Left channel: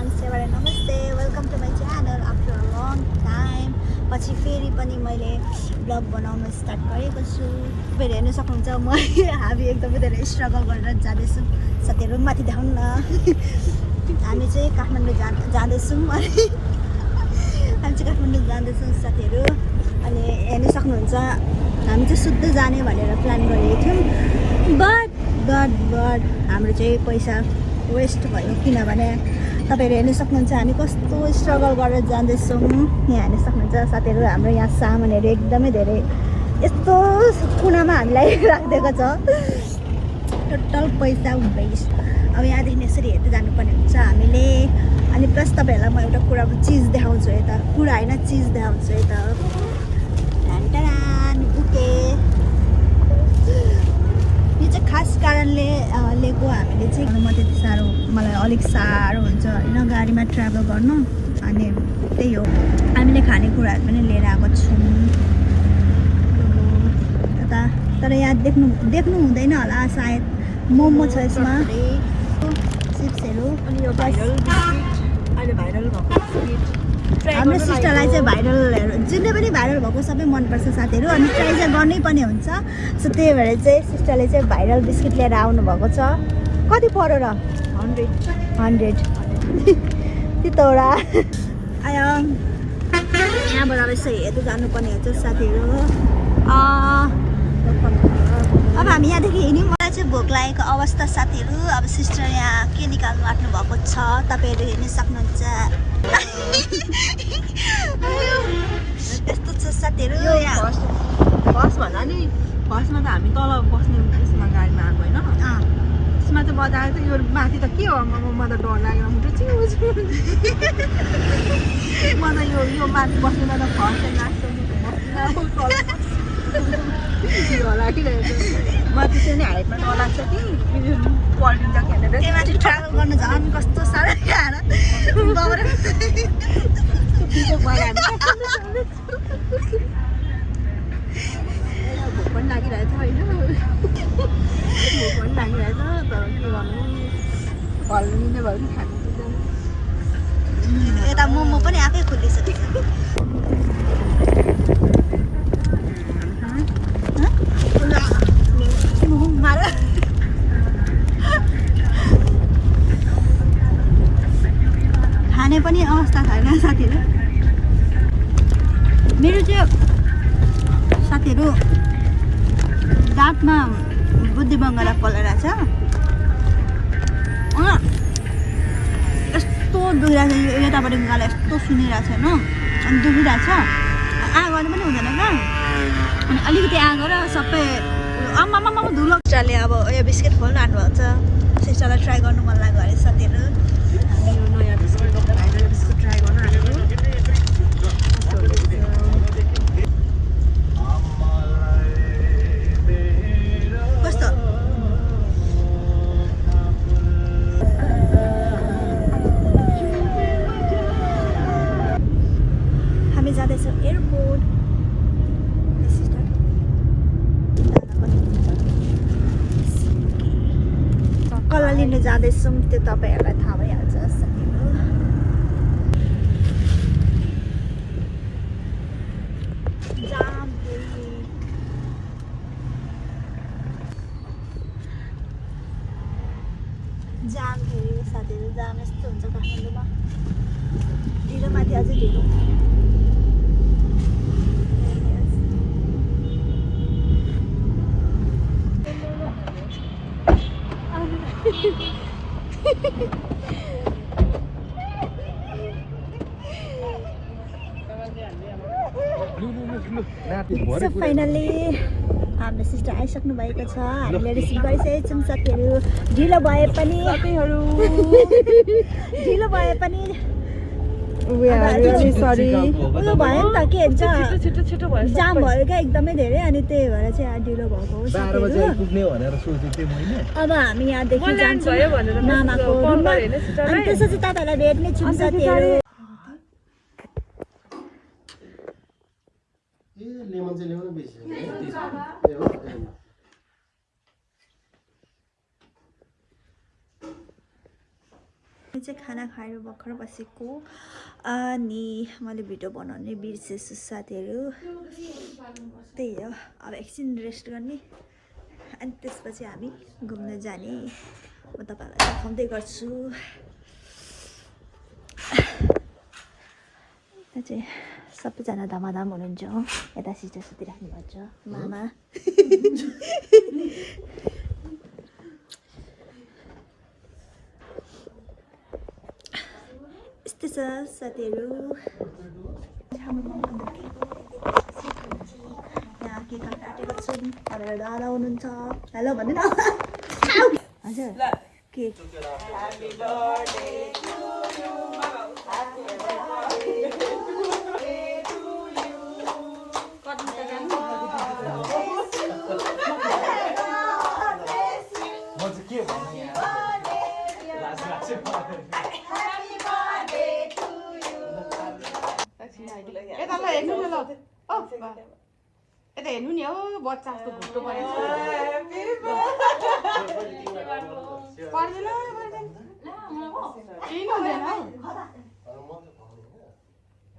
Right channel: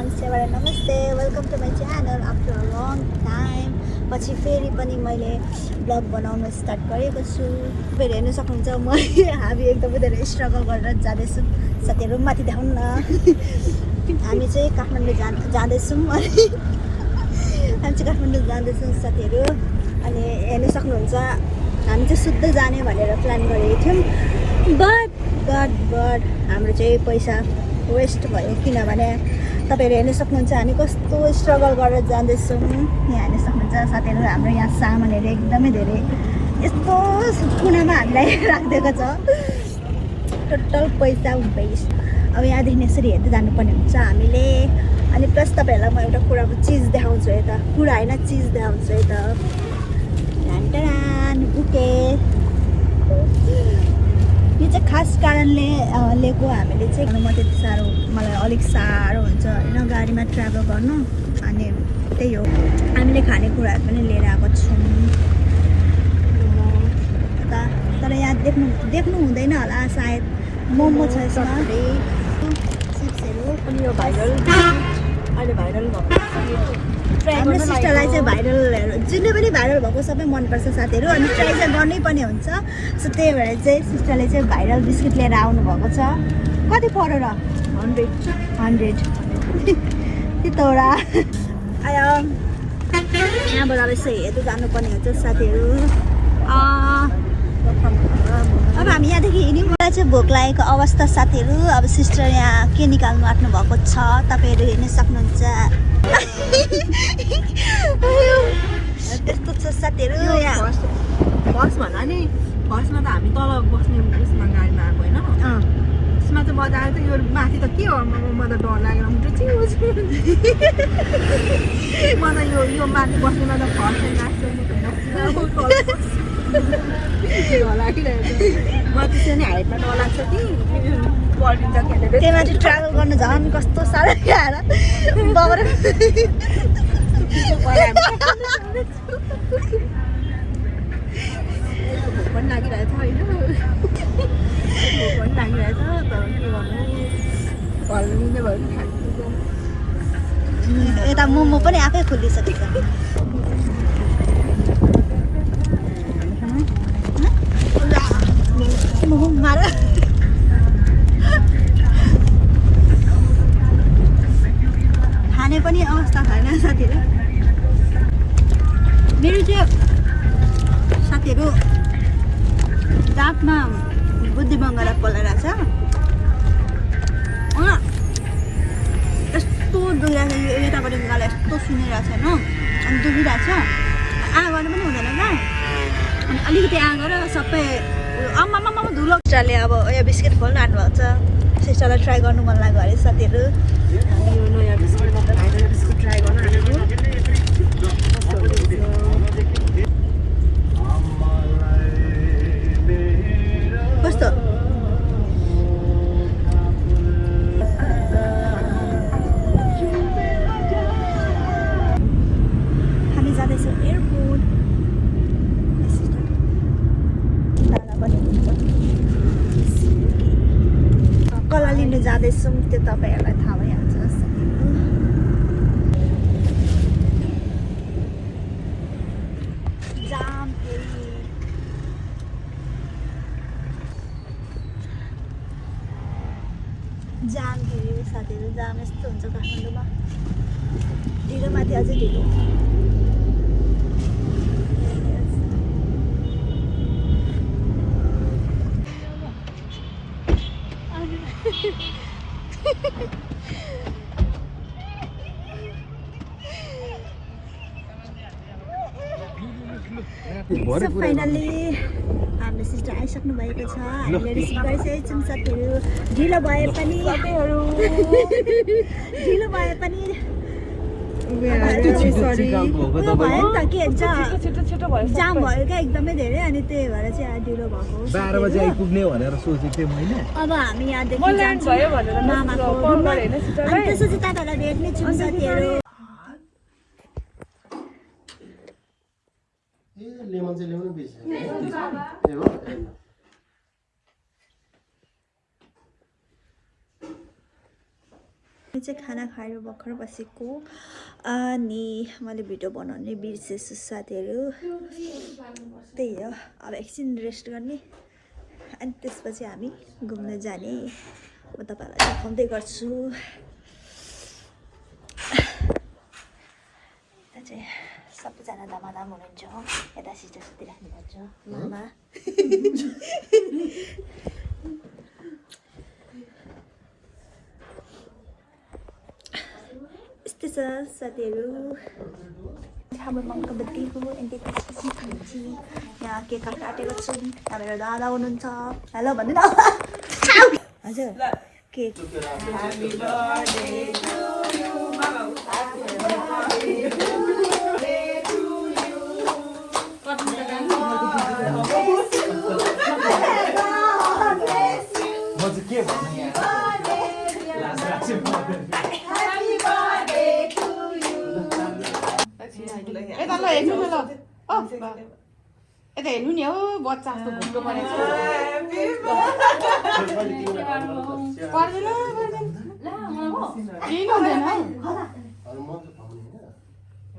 सेवाले नमस्ते welcome to my channel after a long time पछि फेरि पनि मैले ब्लग बनाउन स्टार्ट गरेको छु। फेरि हेर्नु सक्नुहुन्छ म हामी एकदमै धेरै स्ट्रगल गरेर जाँदैछौँ। साथीहरू माथि देखाउन न हामी चाहिँ काठमाडौँ जाँदैछौँ अनि हामी चाहिँ काठमाडौँ जाँदैछौँ साथीहरू। अनि हेर्नु सक्नुहुन्छ हामी चाहिँ शुद्ध जाने भनेर प्लान गरेको थियौँ बट हाम्रो चाहिँ पैसा वेस्ट भयो किनभने तपाईँहरू हेर्नु सक्नुहुन्छ हामी कस्तो स्ट्रगल गरेर जाँदैछौँ। यहाँ हेर्नु सक्नुहुन्छ साथीहरू हाम्रो यहाँ सामानहरू एकदमै धेरै यस्तो कुनामा हामीलाई राखिदिएको छ टोटल पैसा वेस्ट। अब यहाँदेखि यसरी हेर्दै जानुपर्ने हुन्छ हामीले। अनि प्लस तपाईँहरूलाई म एउटा कुराको चिज देखाउँछु यता कुरा होइन चिज देखाउँछु यता बुके यो चाहिँ खास कारणले लिएको हामीले चाहिँ म त्यति साह्रो मलाई अलिक साह्रो हुन्छ होइन गाडीमा ट्राभल गर्नु। अनि त्यही हो हामीले खानेकुराहरू पनि लिएर आएको छौँ तर यहाँ देख्नु हुँदैन होला सायद मोमो छ यसमा चिप्सहरू। हाम्रो सिस्टरलाई चाहिँ भाइरलहरू जुनै पनि भाइरल भएको सबै मनपर्छ साथीहरू। अनि ट्राई चाहिँ गर्नै पर्ने हुन्छ सो त्यही भएर चाहिँ सिस्टरले चाहिँ भाइरल बिस्किट लिएर आउनु भएको छ। कति पर्यो र 100 त्यतोरा आयो यहाँबाट अब यसो हेर्दै जानुपर्ने हुन्छ साथीहरू। अब हामी यहाँदेखि हिँड्यौँ। मलाई चाहिँ भोक लागेको अवस्था साथीहरू। अब सिस्टर यहाँ के निकाल्नु आँट्नु भएको छ तपाईँहरू हेर्न सक्नुहुन्छ। त्यस्तो छ साथीहरू। बस भन्दा नि बसमा त हामी तल बस्ने उसमा गाडीमा आएको होइन त्यसमा चाहिँ मजा आयो। यो माथि त के हो म त डर लागेर मुटु चिउ म त यो माथि बस्नुमा त फर्स्ट लाग्छ डर लागिरहेको माथि चाहिँ नि हाइटमा डर लाग्छ कि पल्टिन्छ खेलेर त्यही माथि ट्राभल गर्नु झन् कस्तो साह्रो आएर भोक पनि लागिरहेछ होइन भोक पनि लागिरहेछ तर के गर्नु हल्लिने भयो नि खानु यता मोमो पनि आफै खोलिसकेको छ। मोमो मार खाने पनि अवस्था छैन साथीहरू। मेरो त्यो साथीहरू दाँतमा बुद्धिबङ्गला पलेरहेछ यस्तो दुखिरहेछ यताबाट गाला यस्तो सुनिरहेछ होइन अनि दुखिरहेछ आ गर्नु पनि हुँदैन क्या। अनि अलिकति आ गर सबै आमामा धुलो सिस्टरले अब यो बिस्किट खोल्नु आँट्नु भएको छ। सिस्टरलाई ट्राई गर्नु मन लाग्यो अरे साथीहरू। यो नयाँ बिस्किट भाइरल बिस्किट ट्राई गर्न हालेको कस्तो हामी जाँदैछौँ एयरपोर्ट। कसलाई लिनु जाँदैछौँ त्यो तपाईँहरूलाई थाहा भइहाल्छ। जाम हेऱ्यो साथीहरू जाम यस्तो हुन्छ काठमाडौँमा ढिलोमाथि अझै ढिलो। सो फाइनल्ली हाम्रो सिस्टर आइसक्नु भएको छ। हामीले रिसिभ गरिसकेको छौँ साथीहरू। ढिलो भए पनि ढिलो भए पनि उयो भयो नि त के भन्छ जाम भयो क्या एकदमै धेरै। अनि त्यही भएर चाहिँ ढिलो भएको हो साथीहरू। अब हामी यहाँदेखि मामाको रुममा अनि त्यसपछि तपाईँहरूलाई भेट्ने छौँ साथीहरू। लेमन चाहिँ ल्याउनु बिर्सेँ चाहिँ खाना खाएर भर्खर बसेको अनि मैले भिडियो बनाउने बिर्सेछु साथीहरू त्यही हो अब एकछिन रेस्ट गर्ने अनि त्यसपछि हामी घुम्न जाने म तपाईँहरूलाई देखाउँदै गर्छु यता चाहिँ सबैजना धमाधम हुनुहुन्छ यता सिस्टर सुतिराख्नुहुन्छ मामा यस्तो छ साथीहरू हाम्रो मम्मीको बर्थडे हो अनि त्यसपछि खान्छौँ यहाँ केक काटेको छु तपाईँहरू दादा हुनुहुन्छ हेलो भन्नु न हजुर केक यता हेर्नु नि हो बच्चा जस्तो भुट्नु परेछ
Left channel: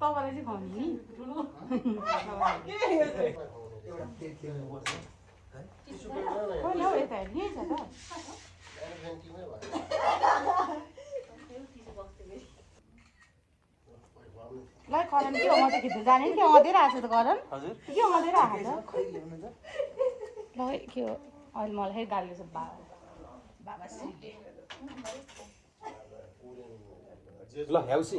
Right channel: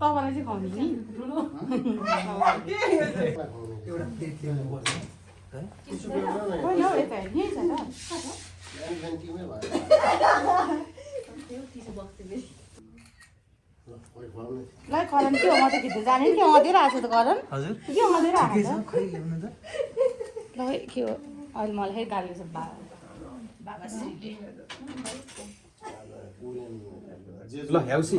तपाईँलाई चाहिँ खुवाउने ल ह्याउसी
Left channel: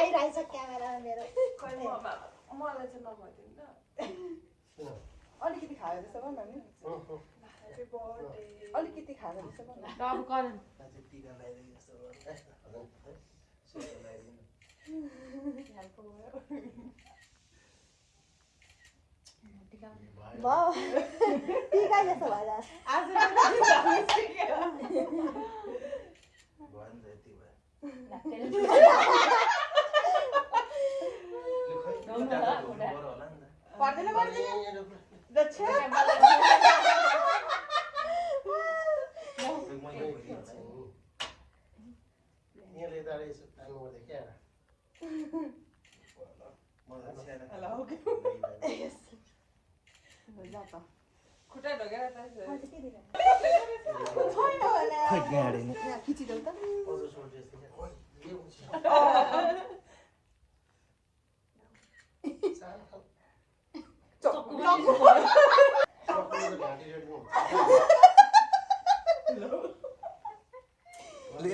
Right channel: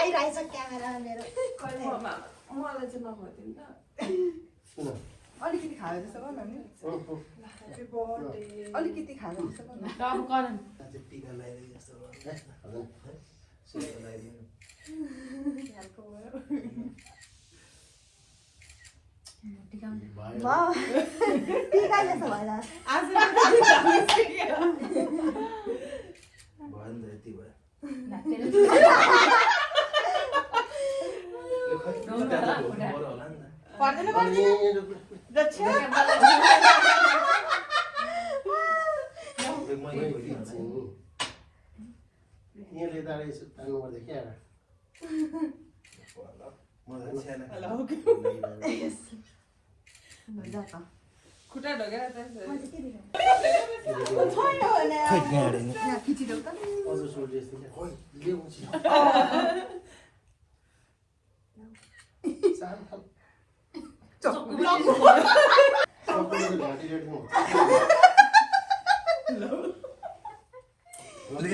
आइरहेछ क्यामेरा मेरो अलिकति खाएर जस्तो गर न अलिकति खाएर जस्तो गर टिका जस्तो भएन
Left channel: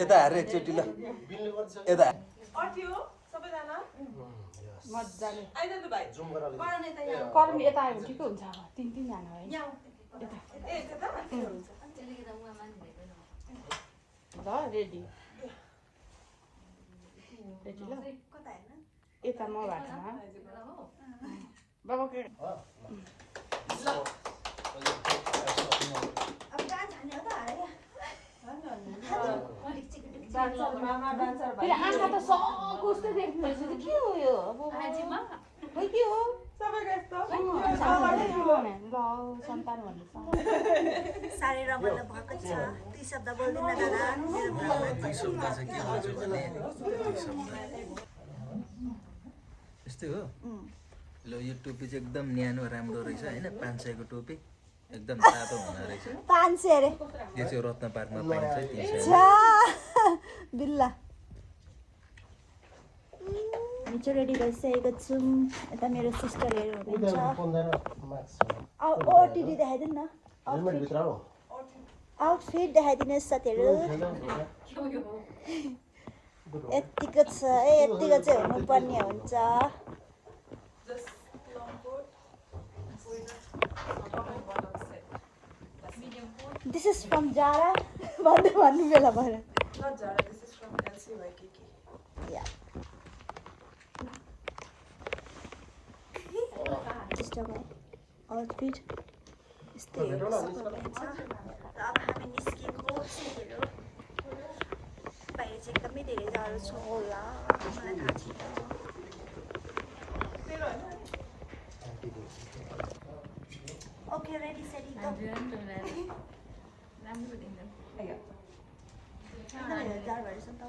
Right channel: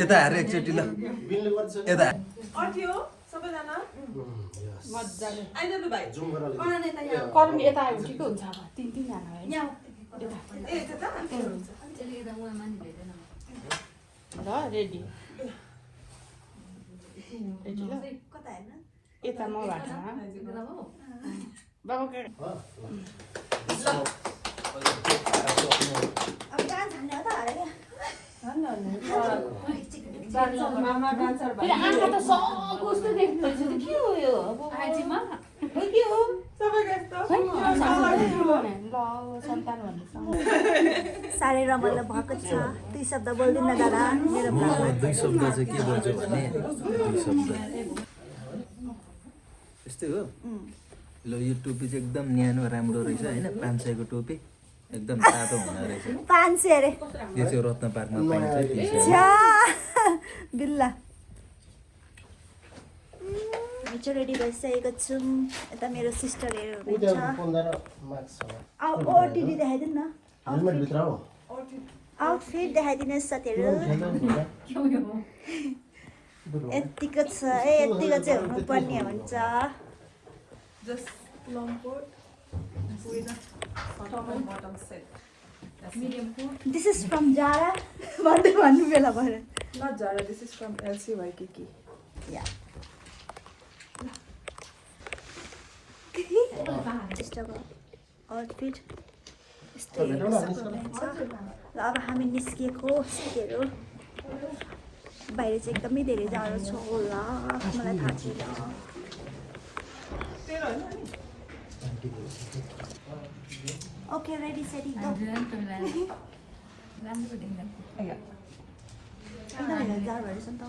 यता हेर एकचोटि ल यता अट्यो सबैजना मज्जाले आइज त भाइ जुम गर्न करुन यता आयो ठिक हुन्छ तीन जना यहाँ ए त्यता अञ्जली त उहाँ मानि भेट्दैन ल रेडी कता हेर्न यता म भाषा बाबा अब डान्स हान्ने हो त हारे मामा डान्सर भाइ साह्रै रमाइलो भएको छ दुई शब्द बोल्दिनँ दादा मेरो दुई शब्द चाहिँ के बोल्छु भने दुई शब्द यस्तै हो ल यो टोपी चाहिँ एकदम न्यानो राम्रो रहेछ होइन 500 को टोपी एकदम तातो हुँदो रहेछ 500 अरे यो चाहिँ रत्न पार्कमा पाइन्छ बिल्ला म चाहिँ रेडी भइसकेको छु यता मेरो सिस्टरहरू हुनुहुन्छ ओटिडी देखाइदिनु न आउटफिट देखाइदिनुहोस् साथीहरू यतिको छ यतिको चाहिँ हुनुपर्ने हुन्छ This is from Zara. भन्नु बेला भएर Not Zara, this is from LC Waikiki. Yeah. यस्तोको आउटफिट यस्तै र अब हामी निस्किएको साथीहरू बाहिर चाहिँ एकदमै धेरै जाडो छ होला मलाई थाहा छैन Okay, ready, steady, go. Anh ta này ra rồi xong tao.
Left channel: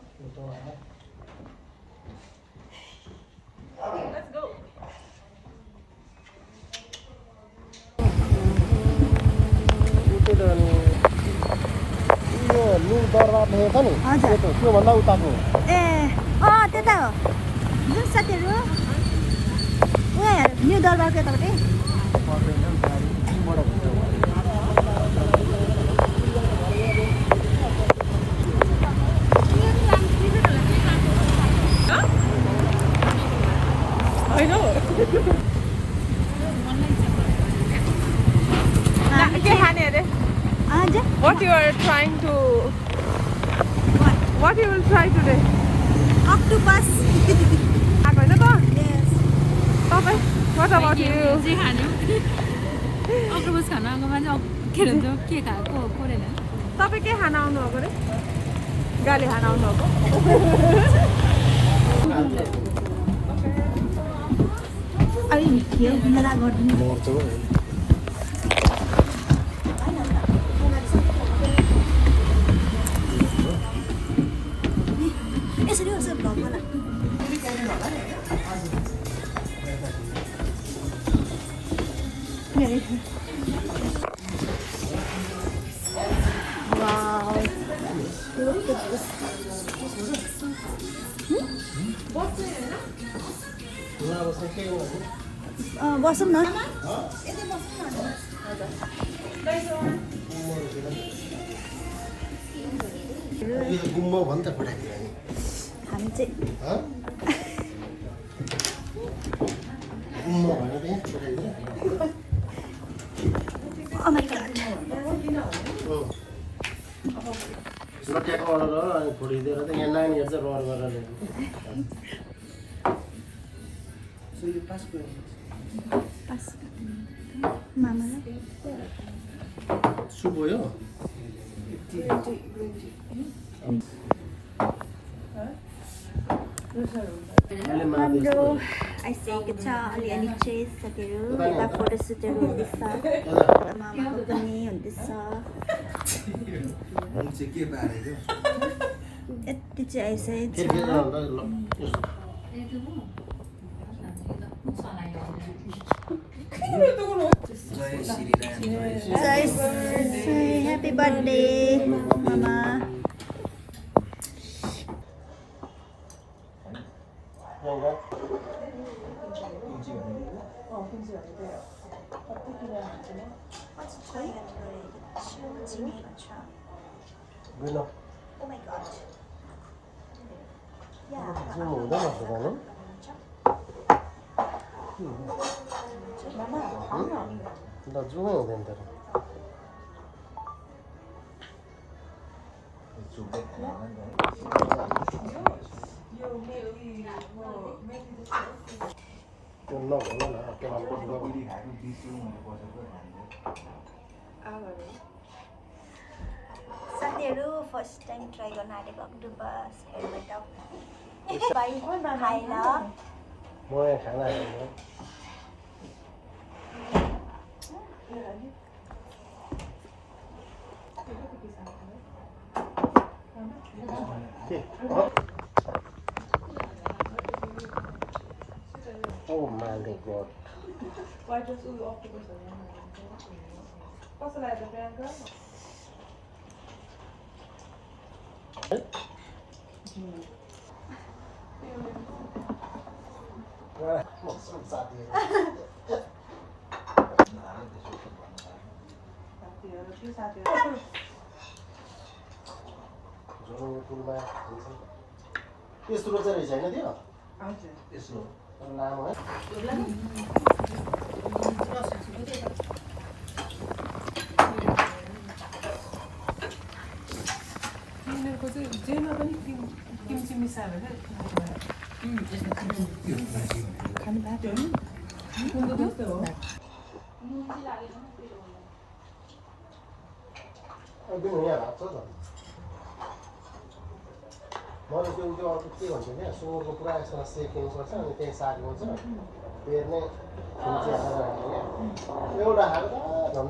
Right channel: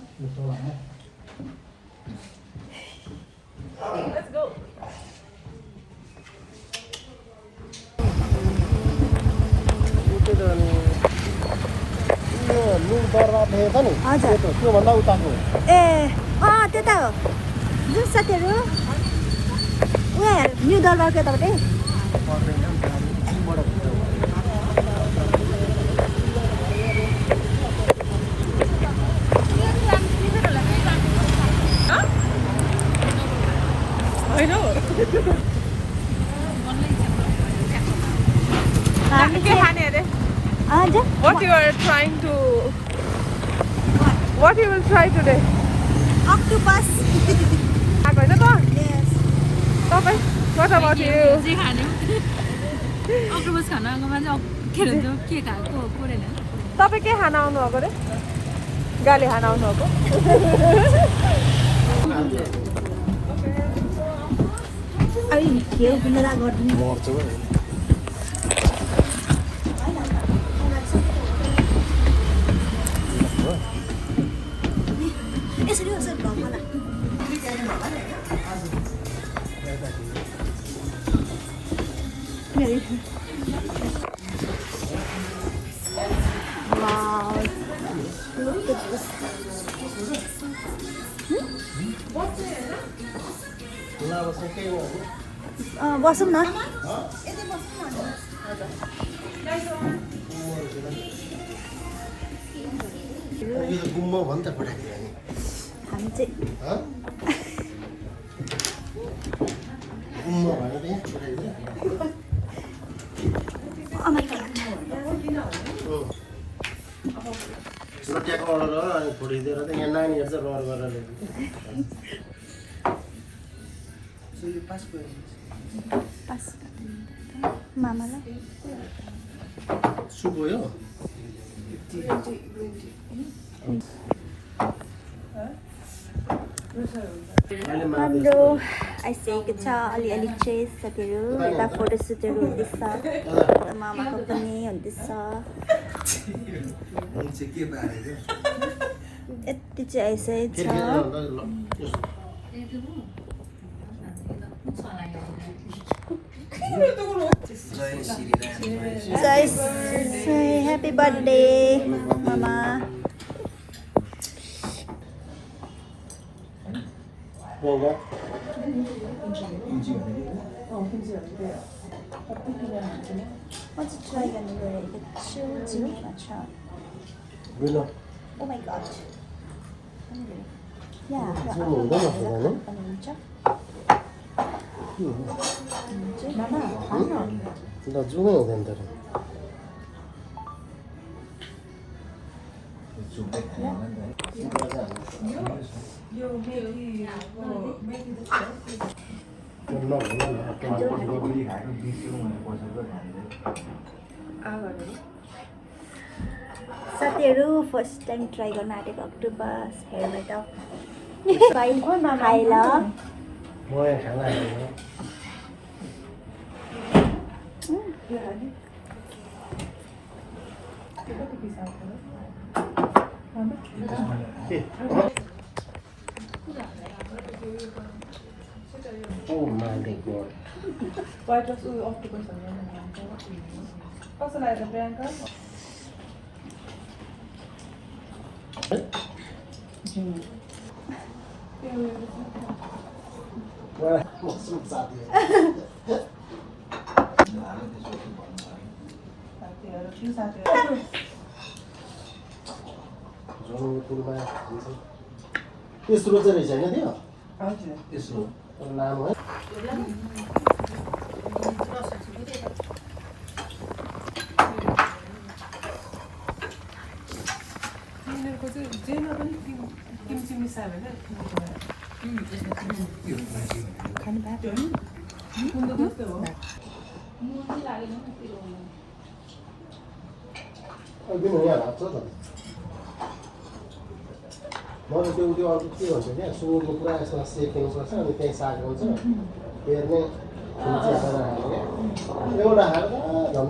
Let's go. हजुर ए त्यता हो जुन साथीहरू उहाँ हेर यो दरबारको यतापट्टि What you are trying to? What you will try today? Octopus. आएको होइन त? Yes. तपाईँ? What about you? अक्टोपस खान आएको मान्छे के भन्छ के खाएको कुरेन तपाईँ के खान आउनु भएको रे? गाली खान आउनु भएको? अहिले खेल बिना गर्दिनु यसरी यसरी भगला Wow. Look at this. बसौँ न गुम्बो भन् त पठाइदियो हामी चाहिँ गुम्बो भने पनि पठाइदियो Oh my god. लट्याएको अर्डर हो अनि छोडिदिएर त यहाँ नानीहरू चाहिँ रहर गरेर ल्याएको सो यो पास मामालाई सुप हो यो हाम्रो आइसकेको छ अलिअलि चाहिँ साथीहरू यता फोटोसुटहरू हुँदैछ मामाको पनि हुँदैछ यति चाहिँ आइसकेको छ जय ह्याप्पी बर्थडे मामा म चाहिँ ट्राई गर्नु गइरहेको छु चिनेमा छ ओ माई गड यहाँ आफ्नो आफ्नो बनाएर खानु पनि हुन्छ जुनै हुँदैन तर साथीहरू फर्स्ट टाइम ट्राई गर्न आँटेको अक्टोपस हेर्नु त भाइ खाएर तेस्रो चाहिँ रहेछ होइन त्यो तेस्रो नाम है तिनीहरूको चाहिँ जेमा पनि किम्ची मिसायो होइन किनभने यहाँ भात छ त म त त्यो त्यो अर्को के भन्छ क्या सुँगुरको पुरा यसमा सेकिनु सक्छ अनि त्यहीँ साग हुन्छ हेर्ने एउटा हाल्दा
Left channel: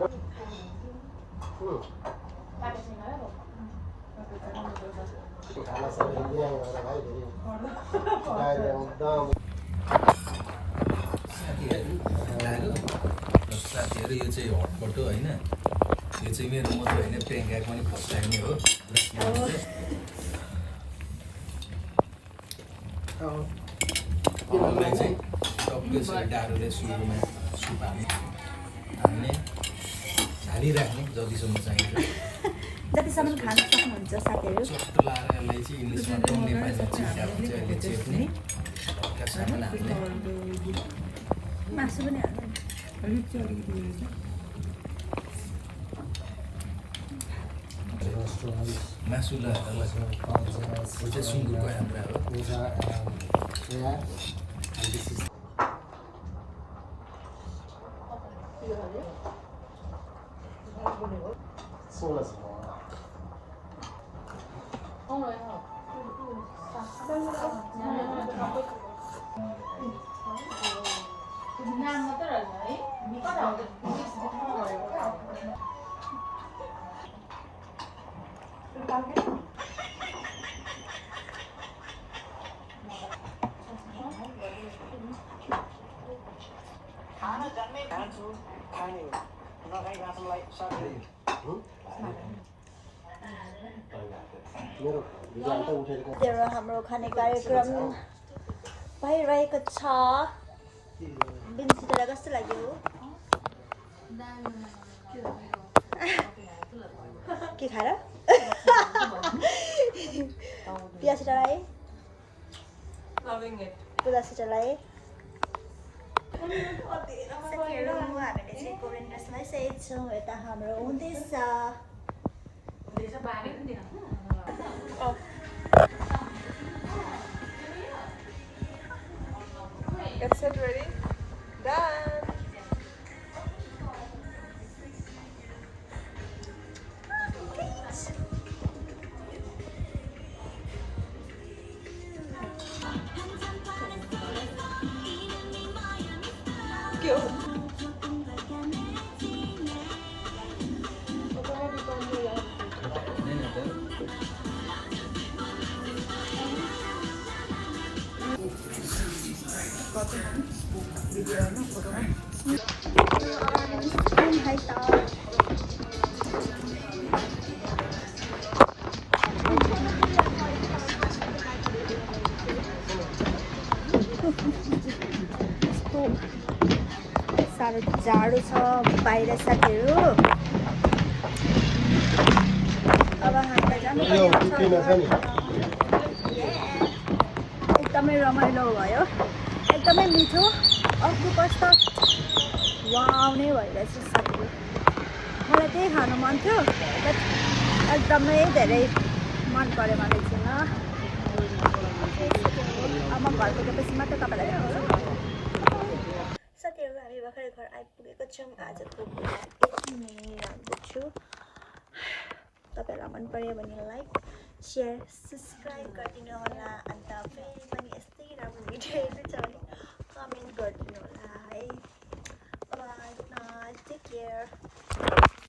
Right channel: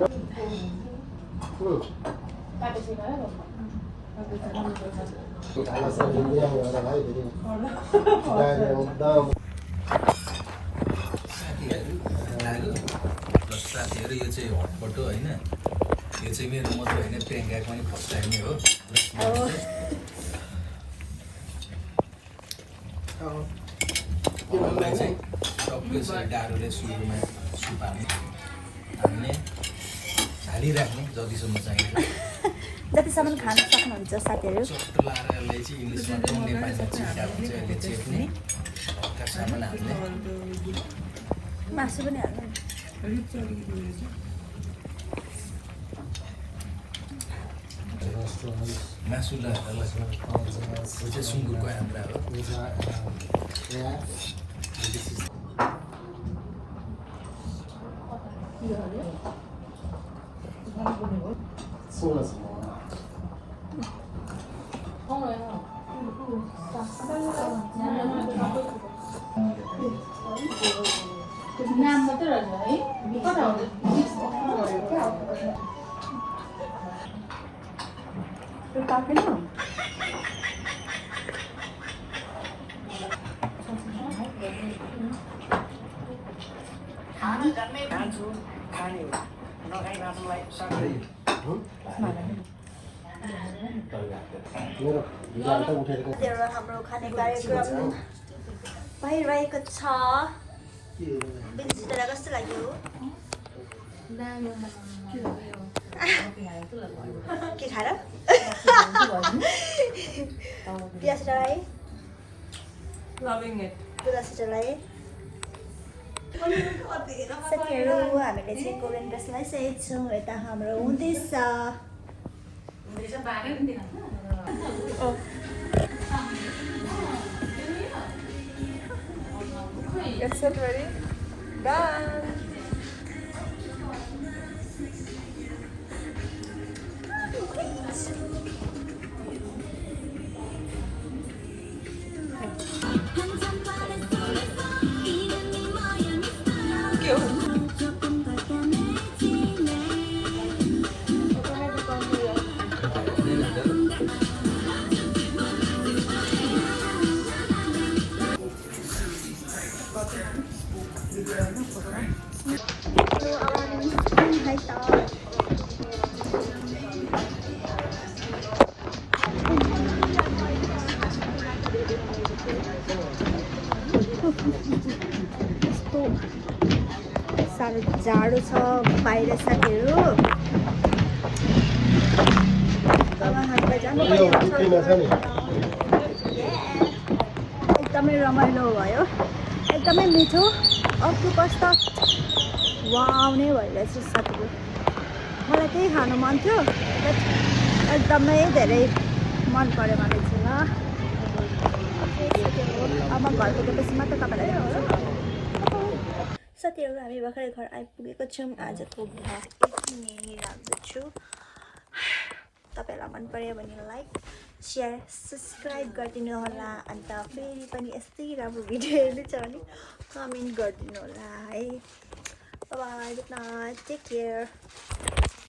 साथीहरू यो चाहिँ हट फोटो होइन यो चाहिँ मेरो मात्रै होइन प्रियङ्काको पनि फर्स्ट टाइम नै हो मलाई चाहिँ टक्कै डाडुले सुरुमा सुप हाल्ने हालिराख्ने जतिसम्म चाहिन्छ जतिसम्म खान सक्नुहुन्छ साथीहरू चट्टो लाएर यसलाई चाहिँ इङ्ग्लिसमा नेपालीमा चिप्का भन्छ यसले चेप्ने हल्का सामान हाल्ने मासु पनि हाल्नु मासु र चाहिँ सुँगुरको आन्द्रा हो नाम मात्रै रहेछ है कता हाम्रो खाने कार्यक्रम भइरहेको छ बिन्सितलाई कस्तो लाग्यो के खाएर पिया सिटरलाई पुरा सिटरलाई साथीहरू हामीले चाहिँ कोरियन ड्रेस लगाइसकेको छौँ यता हाम्रो हुँदैछ It's ready. Done. साह्रो जाडो छ बाहिर साथीहरू अब हामीलाई जानुपर्ने हुन्छ एकदमै रमाइलो भयो एकदमै मिठो अक्टोपस त वाउ नै भइरहेछ साथीहरू मलाई त्यही खानु मन थियो बट एकदमै धेरै मन पऱ्यो मलाई चाहिँ ल अब म घर पुगेपछि मात्र तपाईँलाई साथीहरू हामी भर्खरै घर आइपुगेको छौँ आजको भ्लग यति नै राख्दछु तपाईँहरूलाई मन पर्यो भने लाइक सेयर सब्सक्राइब गरिदिनु होला अन्त फेरि पनि यस्तै राम्रो भिडियो हेर्नु छ भने कमेन्ट गरिदिनु होला है bye good night take care